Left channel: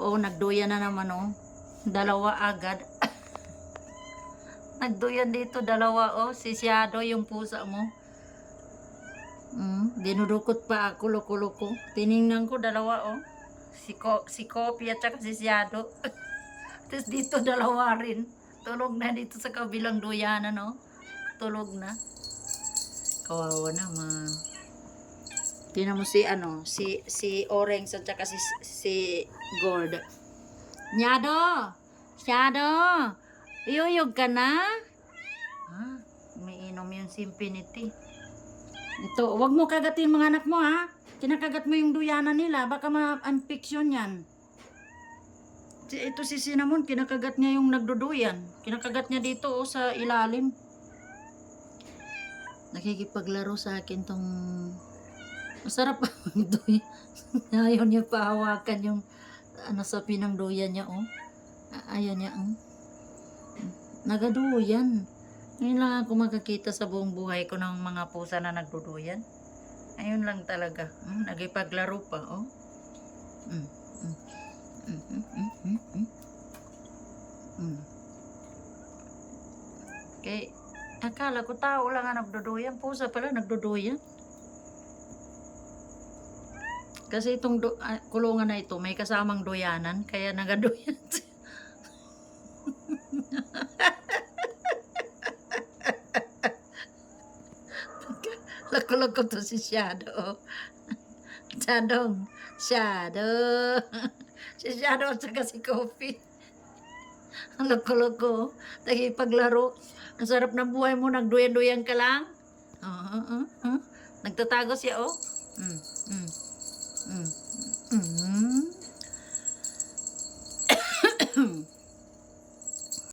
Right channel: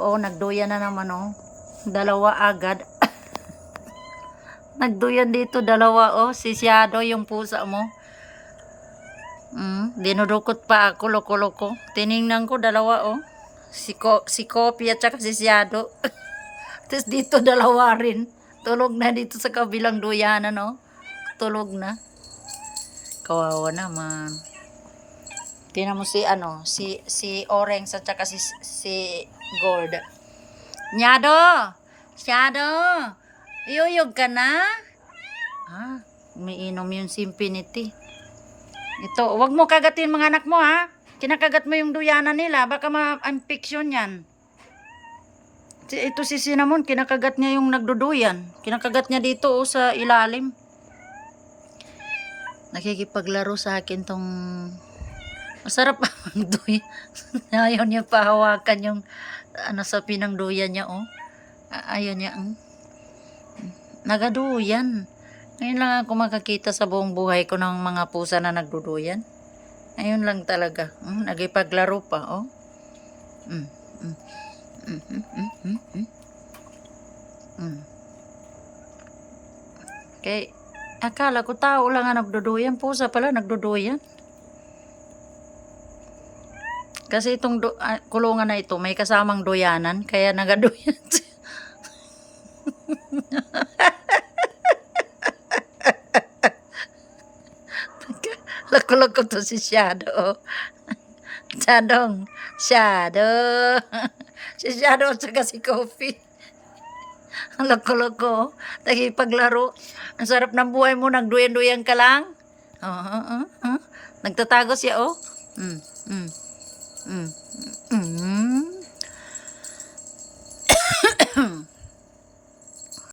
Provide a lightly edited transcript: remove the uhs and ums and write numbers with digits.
Oh, nagduyan na naman oh. Dalawa agad. Nagduyan dito dalawa oh. Si Shadow yung pusa mo. Dinudukot pa ako, loko-loko. Tiningnan ko dalawa oh. Si Kopi at saka si Shadow. Tapos dito dalawa rin. Tulog na dito sa kabilang duyanan oh. Tulog na. Kawawa naman. Tingnan mo si ano, si Orange at saka si Gold. Nyado! Shadow! Iyuyog ka na? Ah, umiinom yung si Infinity. Ito, wag mo kagatin mga anak mo ha. Kinakagat mo yung duyanan nila, baka ma-infection yan. Ito si Cinnamon, kinakagat niya yung nagduduyan. Kinakagat niya dito oh, sa ilalim. Nakikipaglaro sa akin tong masarap ang duy. Ayaw niya pahawakan yung ano sa pinang duyan niya oh. Ayaw niya nagaduyan. Ngayon lang ako makakita sa buong buhay ko ng mga pusa na nagduduyan. Ngayon lang talaga. Nagipaglaro pa oh. Okay. Akala ko tao lang ang nagduduyan. Pusa pala nagduduyan. Kasi itong kulungan na ito, may kasamang duyanan, kaya nagaduyan siya. Lako-lako to si Shadow. Shadow. Si Shadow at saka si Coffee. Ang lako-lako. Paglaro. Ang sarap ng buhay mo, nagduyan-duyan ka lang. Nagtatago siya, oh.